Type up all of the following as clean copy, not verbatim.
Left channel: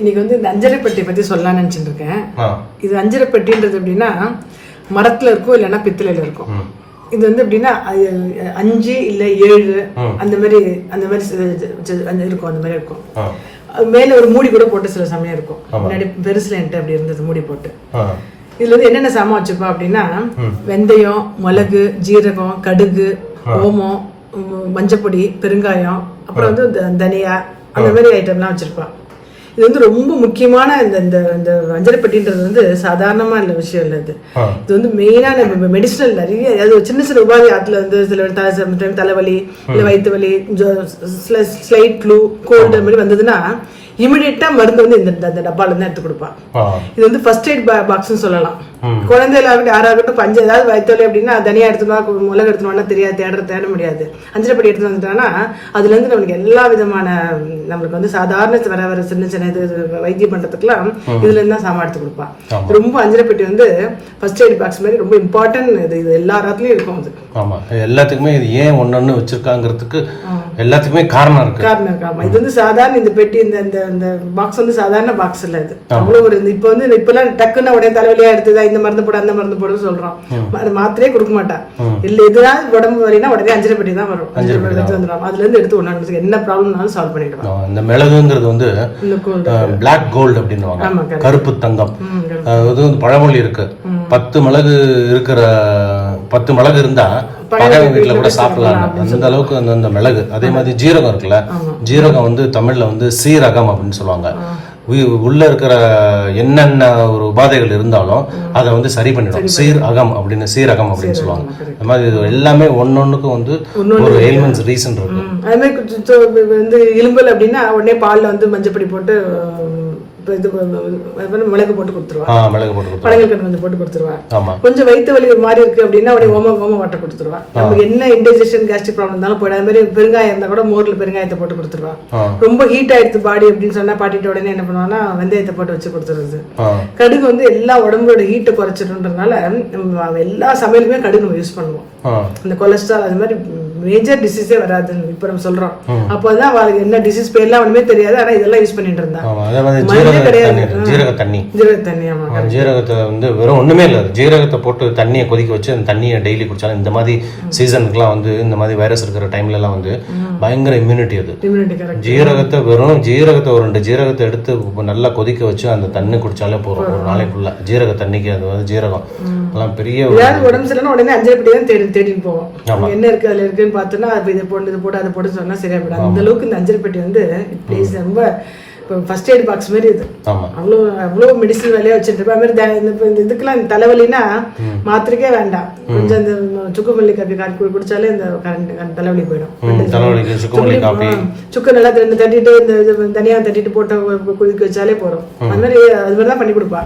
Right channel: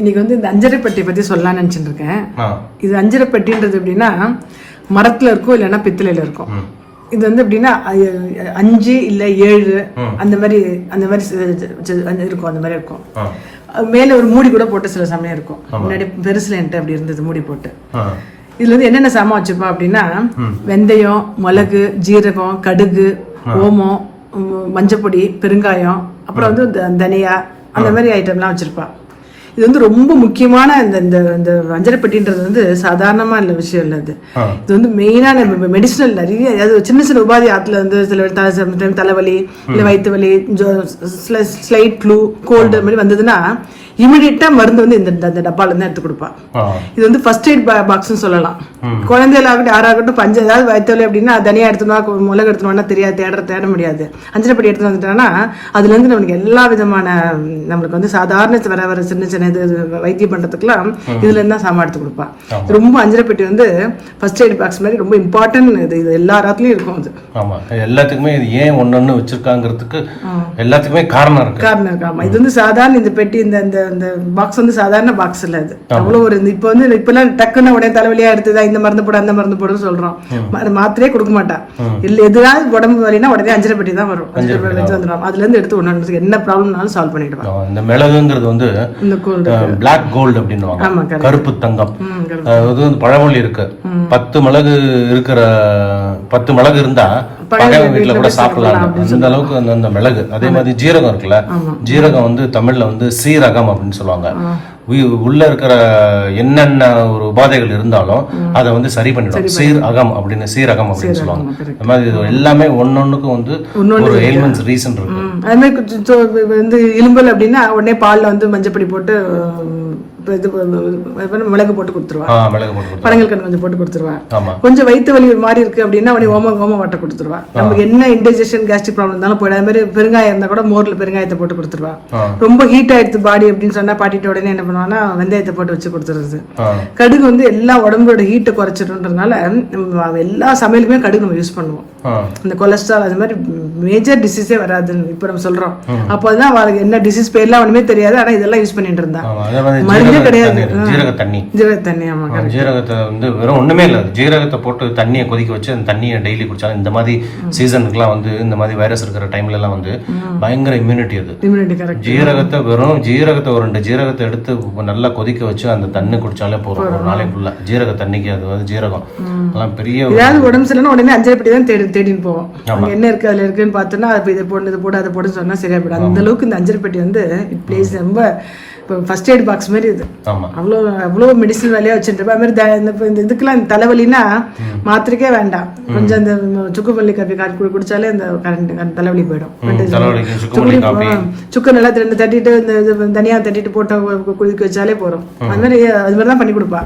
இன்னைக்கு வந்து இந்த அஞ்சரை பெட்டி பத்தி சொல்லலாம்னு நினைச்சிட்டு இருக்கேன். இது அஞ்சரை பெட்டின்றது எப்படின்னா மரத்துல இருக்கும் இல்லைன்னா பித்தளையில இருக்கும். இது வந்து எப்படின்னா 5 இல்ல 7 அந்த மாதிரி இருக்கும். அந்த மாதிரி இருக்கும். மேல ஒரு மூடி கூட போட்டு சில சமயம் இருக்கும். முன்னாடி பெருசுல என்கிட்ட அப்படி இருந்தது மூடி போட்டு. இதுல வந்து என்னென்ன சாமான் வச்சுப்போம் அப்படின்னா வெந்தயம், மிளகு, ஜீரகம், கடுகு, ஓமம், மஞ்சப்பொடி, பெருங்காயம், அப்புறம் வந்து தனியா அந்த மாதிரி ஐட்டம்லாம் வச்சிருப்பான். இது வந்து ரொம்ப முக்கியமான இந்த அஞ்சரை பெட்டின்றது வந்து சாதாரணமா இல்ல விஷயம் இல்ல. இது வந்து மெயினான மெடிசனல் நிறைய அதாவது சின்ன சின்ன உபாதி ஆத்துல வந்து சில தலைவலி இல்ல வயிற்று வலி, ஸ்லைட் ஃப்ளூ, கோல்டு மாதிரி வந்ததுன்னா இமிடியட்டா மருந்து வந்து இந்த டப்பால இருந்து எடுத்து கொடுப்பான். இது வந்து ஃபர்ஸ்ட் எய்ட் பாக்ஸ் சொல்லலாம். குழந்தையில ஆகட்டும் யாராகட்டும் பஞ்ச ஏதாவது வயிற்று அப்படின்னா தனியா எடுத்துனா மிளகு எடுத்துனா தெரியாது, தேட முடியாது. அஞ்சரை பெட்டி எடுத்து வந்துட்டோம்னா அதுல இருந்து நம்மளுக்கு எல்லா விதமான நம்மளுக்கு வந்து சாதாரண வர சின்ன சின்ன இது வைத்தியம் பண்றதுக்குலாம் இதுல இருந்தா சாமான் எடுத்து கொடுப்பான். ரொம்ப அஞ்சரை பெட்டி வந்து ஃபர்ஸ்ட் எய்ட் பாக்ஸ் மாதிரி ரொம்ப இம்பார்ட்டன்ட். இது எல்லா இடத்துலயும் இருக்கும். அது ஆமா, எல்லாத்துக்குமே இது ஏன் ஒன்னொன்னு வச்சிருக்காங்கிறதுக்கு எல்லாத்துக்குமே காரணம் இருக்கு. ஆமா, இது வந்து சாதாரண இந்த பெட்டி இந்த பாக்ஸ் வந்து சாதாரண பாக்ஸ் இல்ல. அது அவ்வளவு ஒரு இப்ப வந்து இப்பெல்லாம் டக்குன்னு உடனே தலைவலியா எடுத்ததா இந்த மருந்து போட அந்த மருந்து போட சொல்றோம். மாத்திரையே கொடுக்க மாட்டான். இல்ல எதுனாலும் உடம்பு வலினா உடனே அஞ்சரை பெட்டி தான் வரும். அஞ்சரை பெட்டி வந்துடும். அதுல இருந்து எடுத்து ஒண்ணு என்ன ப்ராப்ளம்னாலும் சால்வ் பண்ணிடுவோம். இந்த மிளகுங்கிறது வந்து பிளாக் கோல்டு அப்படின்னுவாங்க, கருப்பு தங்கம். அது வந்து பழமொழி இருக்கு. 10 மிளகு இருக்கிற 10 மிளகு இருந்தா பகவை வீட்டுல கூட சாப்பிடலாம். அந்த அளவுக்கு அந்த மிளகு. அதே மாதிரி ஜீரகம் இருக்குல்ல, ஜீரகம் வந்து தமிழ்ல வந்து சீரகம் அப்படின்னு சொல்லுவாங்க. உள்ள இருக்கிற என்னென்ன ஒரு உபாதைகள் இருந்தாலும் அதை வந்து சரி பண்ணிடும். சீரகம் அப்படின்னு சொல்லுவாங்க. அந்த மாதிரி எல்லாமே ஒன்னொன்னுக்கும் வந்து ஒரு எலிமெண்ட்ஸ் ரீசன் இருக்கு. அது மாதிரி வந்து இரும்பல் அப்படின்னா உடனே பால்ல வந்து மஞ்சப்பொடி போட்டு மிளகு போட்டு கொடுத்துருவான். பனங்கள் கண்டு கொஞ்சம் போட்டு கொடுத்துருவான். கொஞ்சம் வயிற்று வலி ஒரு மாதிரி இருக்கு அப்படின்னா உடனே ஓம வட்டை கொடுத்துருவான். நமக்கு என்ன இன்டைஜெஷன் கேஸ்ட்ரிக் ப்ராப்ளம் இருந்தாலும் போயிடும். அது மாதிரி பெருங்காயம் இருந்தா கூட மோர்ல பெருங்காயத்தை போட்டு கொடுத்துருவான். ரொம்ப ஹீட் ஆயிடுச்சு பாடி அப்படின்னு சொன்னா பாட்டிட்டு உடனே என்ன பண்ணுவாங்கன்னா வெந்தயத்தை போட்டு வச்சு கொடுத்துருது. கடுகு வந்து எல்லா உடம்போட ஹீட்டை குறைச்சிடுன்றதுனால எல்லா சமையலுமே கடுகு நம்ம யூஸ் பண்ணுவோம். இந்த கொலஸ்ட்ரால் அது மாதிரி மேஜர் டிசீஸே வராது இப்ப நம்ம சொல்றோம். அப்பதான் அவருக்கு என்ன டிசீஸ் பேர்லாம் ஒண்ணுமே தெரியாது. ஆனா இதெல்லாம் யூஸ் பண்ணிட்டு இருந்தா ஜீரகத்தை வந்து வெறும் ஒண்ணுமே இல்ல, ஜீரகத்தை போட்டு தண்ணியை கொதிக்க வச்சு அந்த தண்ணியை டெய்லி குடிச்சாலும் இந்த மாதிரி சீசனுக்குலாம் வந்து இந்த மாதிரி வைரஸ் இருக்கிற டைம்ல எல்லாம் வந்து பயங்கர இம்யூனிட்டி. அது ஜீரகத்தை ஒரு 2 ஜீரகத்தை எடுத்து நல்லா கொதிக்க வச்சு அந்த தண்ணி குடிச்சாலே போறோம் ஒரு நாளைக்குள்ள. ஜீரக தண்ணிக்கு அது வந்து ஜீரகம் எல்லாம் பெரிய உடம்பு சரியில்லைன்னா உடனே அஞ்சரை பெட்டி தான் தேடி போவோம். என்ன இருக்கு அதுல இருக்குன்னு பார்த்தோம்னா அது இதை போட்டு அதை போட்டு சொன்னா சரியா போயிடும். அந்த அளவுக்கு இந்த அஞ்சரை பெட்டி வந்து பிளேஸ் ரொம்ப ஃபர்ஸ்ட் எய்ட் பாக்ஸ் மாதிரி. இது அவ்வளவு மெடிசன் வேலையா வச்சிருப்பேன். அது மாதிரி இந்த இதுக்கெல்லாம் தலைவலினா மாத்திரைக்கே வேண்டாம். கொஞ்சம் அந்த சுக்குமல்லி காப்பி காப்பி குடிச்சாலே அந்த தலைவலி போயிடும். சுக்கு நல்லா தட்டிட்டு இந்த தனியா தட்டிட்டு போட்டு குடிக்க வச்சாலே போறோம். அது மாதிரிதான் பண்ணி கொடுப்பா.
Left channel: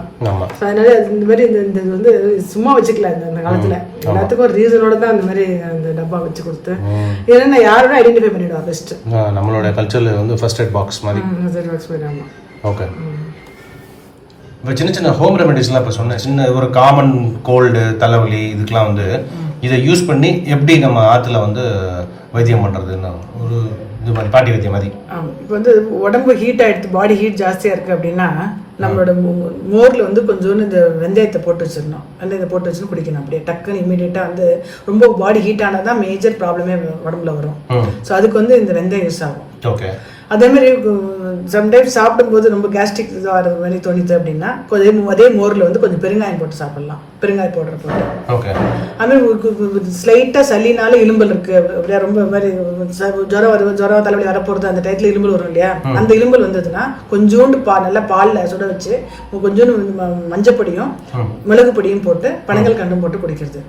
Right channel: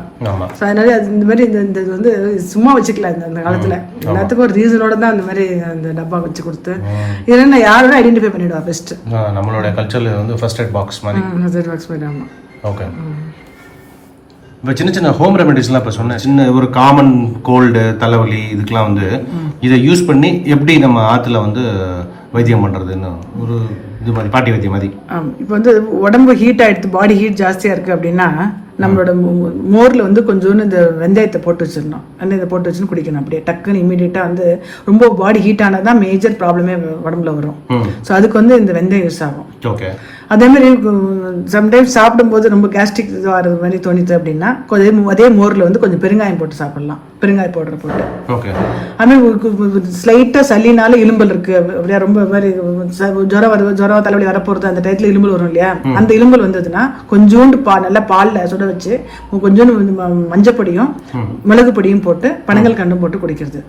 அதனால இந்த மாதிரி இந்த வந்து சும்மா வச்சுக்கலாம். இந்த காலத்துல எல்லாத்துக்கும் ஒரு ரீசனோட தான் அந்த மாதிரி அந்த டப்பா வச்சு கொடுத்து இதெல்லாம் யாரும் ஐடென்டிஃபை பண்ணிடுவா. பெஸ்ட் நம்மளோட கல்ச்சர்ல வந்து ஃபர்ஸ்ட் எய்ட் பாக்ஸ் மாதிரி. ஓகே, இப்போ சின்ன சின்ன ஹோம் ரெமெடிஸ்லாம் இப்போ சொன்னேன். சின்ன ஒரு காமன் கோல்டு தலைவலி இதுக்கெலாம் வந்து இதை யூஸ் பண்ணி எப்படி நம்ம ஆற்றுல வந்து வைத்தியம் பண்ணுறதுன்னு ஒரு இது மாதிரி பாட்டி வைத்தியம் மாதிரி. இப்போ வந்து உடம்பு ஹீட் ஆகிடுது, பாடி ஹீட் ஜாஸ்தியாக இருக்குது அப்படின்னா நம்மளோட மோரில் வந்து கொஞ்சோண்டு இந்த வெந்தயத்தை போட்டு வச்சிடணும். வெந்தயத்தை போட்டு வச்சுன்னு குடிக்கணும். அப்படியே டக்குன்னு இமீடியட்டாக வந்து ரொம்ப பாடி ஹீட் ஆனது தான் மேஜர் ப்ராப்ளமே உடம்புல வரும். ஸோ அதுக்கு வந்து இந்த வெந்தயம் யூஸ் ஆகும். ஓகே, அதே மாதிரி சம்டைம்ஸ் சாப்பிடும்போது ரொம்ப கேஸ்ட்ரிக் வர்றது மாதிரி தோணிது அப்படின்னா அதே மோரில் வந்து கொஞ்சம் பெருங்காயம் போட்டு சாப்பிடலாம். பெருங்காயம் பவுடர் போட்டு. அதுமாதிரி ஸ்லைட்டாக சளினால எலும்பல் இருக்கு அப்படியே ரொம்ப மாதிரி ஜுரம் தலைவலி வரப்போறது அந்த டயத்துல எலும்பல் வரும் இல்லையா, அந்த எலும்பல் வந்ததுன்னா கொஞ்சோண்டு நல்லா பால்ல சுட வச்சு கொஞ்சோண்டு மஞ்சப்பொடியும் மிளகு பொடியும் போட்டு பனங்கள் கண்டும் போட்டு குடிக்கிறது.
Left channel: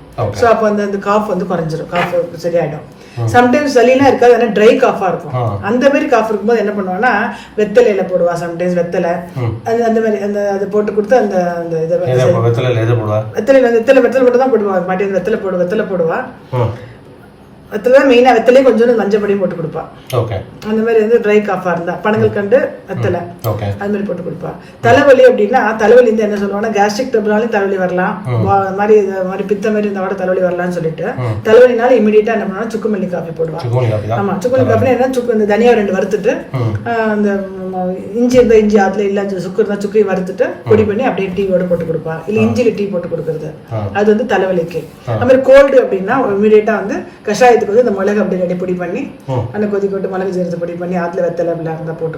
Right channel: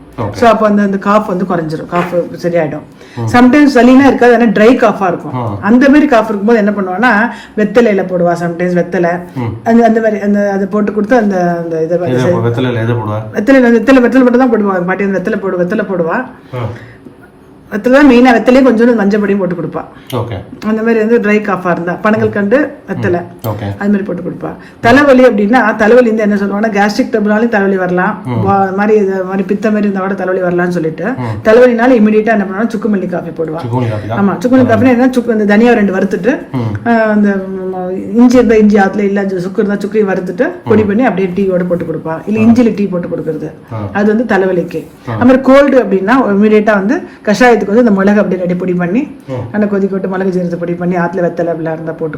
ஸோ அப்போ அந்த காஃப் வந்து குறைஞ்சிரும், காஃப் சரியாயிடும். சம்டைம்ஸ் சளினா இருக்காது, ஆனால் ட்ரை காஃபா இருக்கும். அந்த மாதிரி காஃப் இருக்கும்போது என்ன பண்ணுவான்னா வெத்தலையில போடுவா. சம்டைம்ஸ் வெத்தலை அந்த மாதிரி அதை போட்டு கொடுத்து அந்த வெத்தலை மட்டும் தான் போடுவாங்க பாட்டி. வெத்தலை போடுவா. வெத்தலை மெயினா வெத்தலையே கொஞ்சம் மஞ்சப்பொடியும் போட்டு கொடுப்பா. அந்த மாதிரி வந்து ட்ரை காஃபா இருந்தா பனங்கள் கண்டு வெத்தலை அது மாதிரி போட்டு கொடுப்பா. தலைவலி அப்படின்னா தலைவலி வந்து என்ன சொல்லுவாங்கன்னா கேஸ்ட்ரிக் ட்ரபிள்னாலும் தலைவலி வரலாம், மாதிரி பித்த மாதிரி இருந்தா கூட தலைவலி வரலாம்னு சொல்லிட்டு தலைவலினாலும் இமீடியட்டா என்ன பண்ணுவாங்க சுக்குமல்லி காஃபி போடுவா. ஆமா, சுக்குமல்லி காஃபி என்ன அந்த தனியா 2 வறுத்துட்டு அந்த இஞ்சி இருந்தால் இஞ்சி ஆற்றுல இல்லை சுக்கு இருந்தால் சுக்கையை வறுத்துட்டு பொடி பண்ணி அப்படியே டீயோட போட்டு கொடுப்பா. இல்லை இஞ்சில டீ போட்டு கொடுக்குறது, அது வந்து தலைவலிக்கு. அது மாதிரி கோல்டு அப்படின்னா இமீடியட்டாக வந்து கஷாயத்துக்கு வந்து இந்த மிளகு அப்படி ரெடி பொடி பண்ணி அந்த கொதிக்க விட்டு மிளகு ஜீரத்தை பொடி பண்ணி ஆற்றுல வெத்தலை அப்படிலாம் இருந்தால் போட்டு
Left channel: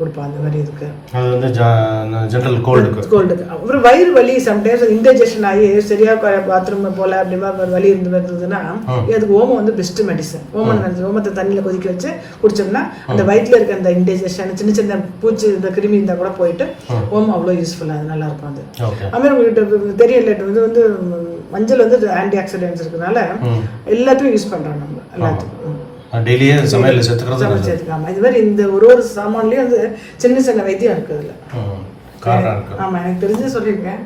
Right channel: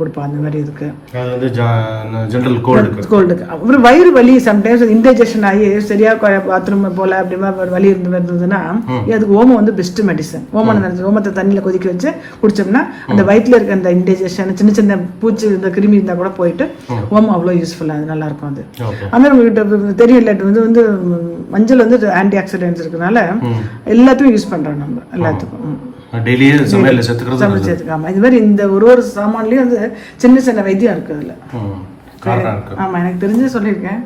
கொடுப்பா. அந்த மாதிரி இருக்கு ஜெனரல் கோல்டுக்கு. அப்புறம் வயிறு வலி சம்டைம்ஸ் இன்டைஜெஷன் ஆகி சரியா பாத்ரூம் போல அப்படி வலி இருந்ததுன்னா அதுக்கு ஓமம் வந்து பெஸ்ட் மெடிசன். ஓமத்தை தண்ணியில கொதிக்க வச்சு குடிச்சோம்னா அந்த வயிற்றுல இருக்க அந்த இன்டைஜெஷன் சின்ன சின்ன பூச்சி இந்த கிருமி இருந்தா கூட போயிட்டு ஓமம் அவ்வளோ யூஸ்ஃபுல்லா நல்லா இருக்கும். அது அது உங்களுக்கு தெரியல, வந்து மஞ்சள் வந்து ஆன்டி ஆக்சிடென்ட்ஸ் இருக்கனால எல்லாத்தையும் யூஸ் பண்றோம் நம்ம எல்லாத்துக்கும். டெய்லியே சமையல்ல சேர்த்துக்கிறது. இது மாதிரி இந்த ஒரு சாமான்லயும் வந்து சின்ன சின்ன வைத்தியம் இருக்கு அதுல. ஆமா, எனக்கு தெரிஞ்சு சொல்லியிருக்கேன்.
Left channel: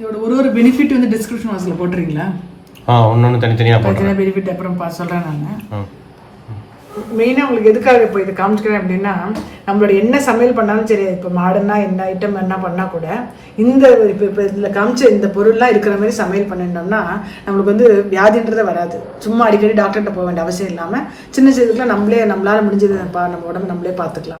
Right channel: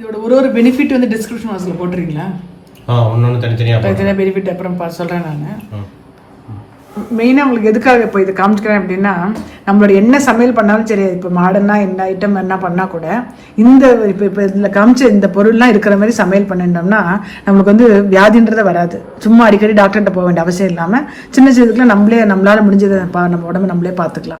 இதோட ஒரு பெனிஃபிட் வந்து டிஸ்கிரிப்ஷன் பாக்ஸ்ல போட்டுறீங்களா? ஒன்னொன்னு தனித்தனியா பெனிஃபிட் அப்புறம் சொல்றேன் நான். மெயினாக உங்களுக்கு எதுக்காக இப்போ இதை காமிச்சிக்கிறேன் அப்படின்னா, நம்மளோட என்ன சமையல் பண்ணாலும் சரி, இப்போ மாடர்னா என்ன ஐட்டம் என்ன பண்ணால் கூட இந்த இப்போ இதில் காமிச்ச இந்த பொருள்லாம் இருக்கிற மாதிரி சமையல் பண்ணிட்டோம்னா நம்மளுக்கு வந்து வியாதின்றதை வராது. சும்மா அடிக்கடி டாக்டர்கிட்ட போக வேண்டிய அவசியம் இல்லாமல் சின்ன சின்னதுக்குலாம் நம்மளால முடிஞ்சதை நம்ம உடம்பு நம்மளே பார்த்துக்கலாம்.